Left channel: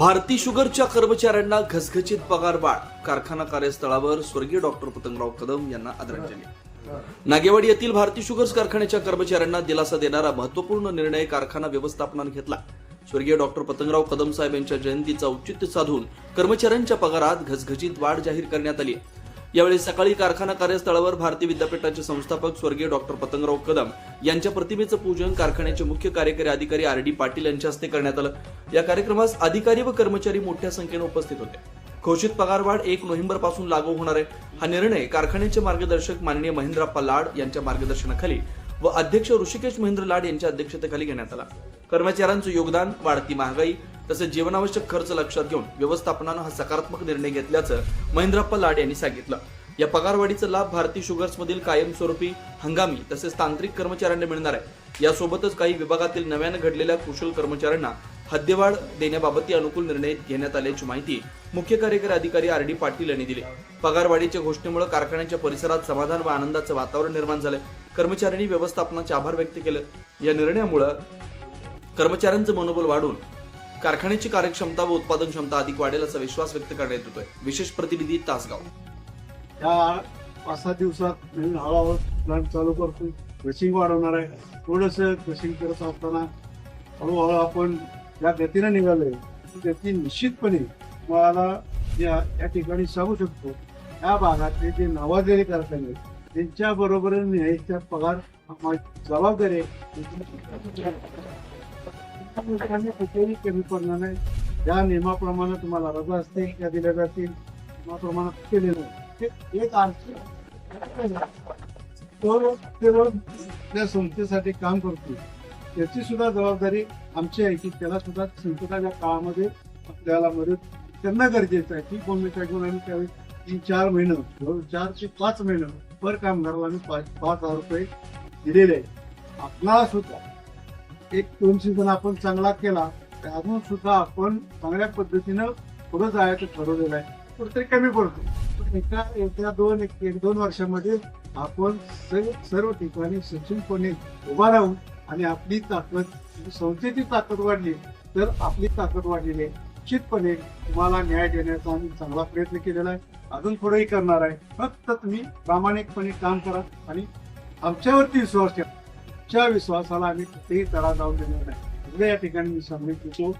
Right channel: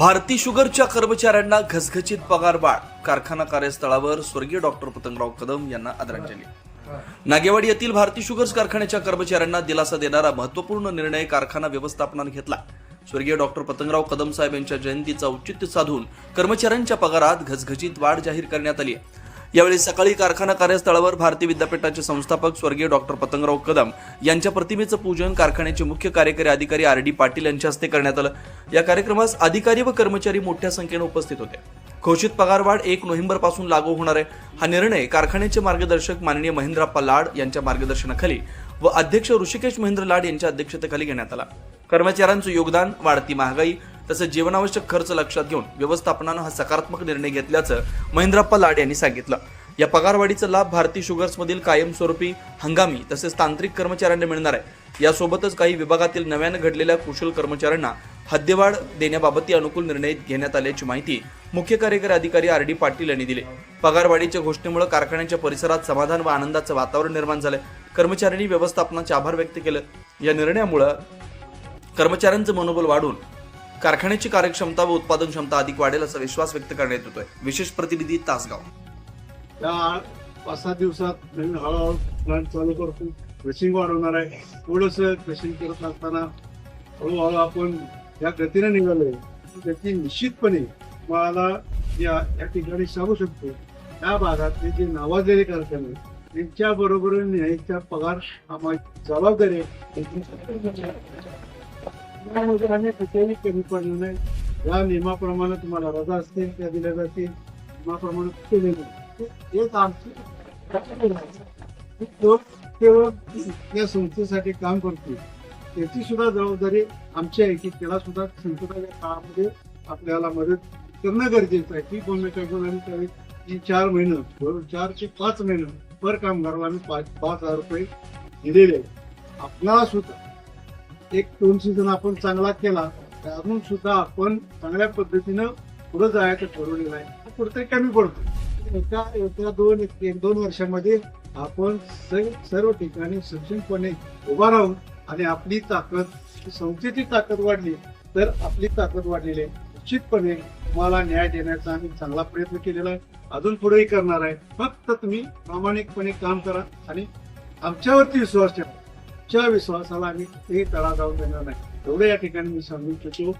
भारती शुगरच्या कर्मचाऱ्यांना घसघसीत पगारवाढ, कारखाना कार्यस्थळावर स्वर्गीय डॉक्टर पतंगराव कदम यांना आदरांजली। नागेवाडी येथील भारती शुगर्स कारखान्याच्या कर्मचाऱ्यांना दिलासा देणारा महत्त्वपूर्ण निर्णय कारखाना व्यवस्थापनाने घेतला। स्वर्गीय डॉक्टर पतंगराव कदम साहेब यांच्या जयंतीचा औचित्य साधून कर्मचाऱ्यांच्या पगारात घसघसीत वाढ जाहीर करण्यात आली। यावेळी सकाळी कारखाना कार्यस्थळावर भारती विद्यापीठाचे संस्थापक स्वर्गीय डॉक्टर पतंगराव कदम यांच्या प्रतिमेचं पूजन कारखान्याचे मुख्य कार्यकारी अधिकारी RD पाटील यांच्या हस्ते करण्यात आलं। या कार्यक्रमास अधिकारी व कर्मचारी मोठ्या संख्येने उपस्थित होते। घोषित पगारवाढ 1 नोव्हेंबरपासून लागू होणार आहे। हा निर्णय कारखान्याचे मार्गदर्शक माननीय महेंद्रप्पा लाड यांच्या मार्गदर्शनाखाली व अध्यक्ष ऋषिकेश महेंद्र लाड यांच्या अध्यक्षतेखाली घेण्यात आला। कर्मचाऱ्यांचं योगदान, वाढती महागाई तसेच जीवनावश्यक खर्च लक्षात घेऊन व्यवस्थापनानं हा सकारात्मक निर्णय घेतल्याचं महेंद्रप्पा लाड यांनी सांगितलं। या पगारवाढीचा लाभ भारती शुगर्समधील कायमस्वरूपी, हंगामी तसेच तांत्रिक कर्मचाऱ्यांना मिळणार आहे। यासोबतच काही विभागातील नव्याने घडलेल्या कुशल कर्मचाऱ्यांना हद्दवाढ देण्याबाबतही अनुकूल निर्णय घेण्यात आल्याची माहिती मुख्य कार्यकारी अधिकारी RD पाटील यांनी दिली। पगारवाढीच्या घोषणेमुळे कारखान्याच्या परिसरात समाधान व आनंदाचं वातावरण निर्माण झाले। कर्मचाऱ्यांनी व्यवस्थापनाचे आभार व्यक्त केले। या निर्णयामुळे कर्मचाऱ्यांचं मनोबल वाढून कारखान्याची कार्यक्षमता व उत्पादन क्षमता अधिक वाढेल असा विश्वास व्यक्त करण्यात येतोय। विशेष प्रतिनिधी तासगाव। या 5-7 दिवसात नवीन हळूहळू प्लांट चालू करतो, क्रशिंग वाढवणार आहे। थोडंसं क्रशिंग करत असताना हळूहळू आपण या गतीने निघालोय। गती निश्चितपणे मला या ठिकाणी सांगू शकतो, या भागातले जे नावाजलेले कारखाने त्यांच्या बरोबरीने न्यायचा पगार जबाबदारी कुठेही कमी पडणार नाही। या नियमाप्रमाणे तुम्हाला रजा असतील त्या दिल्या जातील, नियमाप्रमाणे केलेलं एक आमची केवळ त्या संस्थेसाठी काम करतो, त्याची सुद्धा जबाबदारी आमची आहे की त्याला सुद्धा संकटाच्या काळामध्ये आपल्याला मदत करणं गरजेचं आहे। ती भूमिका घेऊन आम्ही त्यावेळी 3-4 महिने 4 ते 5 महिने पर कामगाराला आम्ही 5,000 रुपये दिलेले आहे। आपल्याला सुद्धा 1-2 सीझन आपण चांगला केला तर अजून सुद्धा आपण चांगल्या पद्धतीनं पुढे जायचं ठरवलेलं आहे। कुठेतरी कमी पडतो, एका 1-2 वर्षामध्ये आपण सर्व ठिकाणी सक्षमपणे उभा राहून आणि आपली ताकद, संस्थेची ताकद वाढली तर आपली ताकद वाढलेली आहे। निश्चितपणे तुम्हाला न्याय देण्याचा आम्ही चांगला प्रयत्न केलेला आहे, अजून पुढेही करणार आहे। फक्त तुम्ही प्रामाणिकपणे काम करा आणि आमच्यावरती विश्वास ठेवा। आमच्या विश्वासाला आम्ही कुठेही तडा जाऊ देणार नाही, एवढं या ठिकाणी मी सांगू इच्छितो।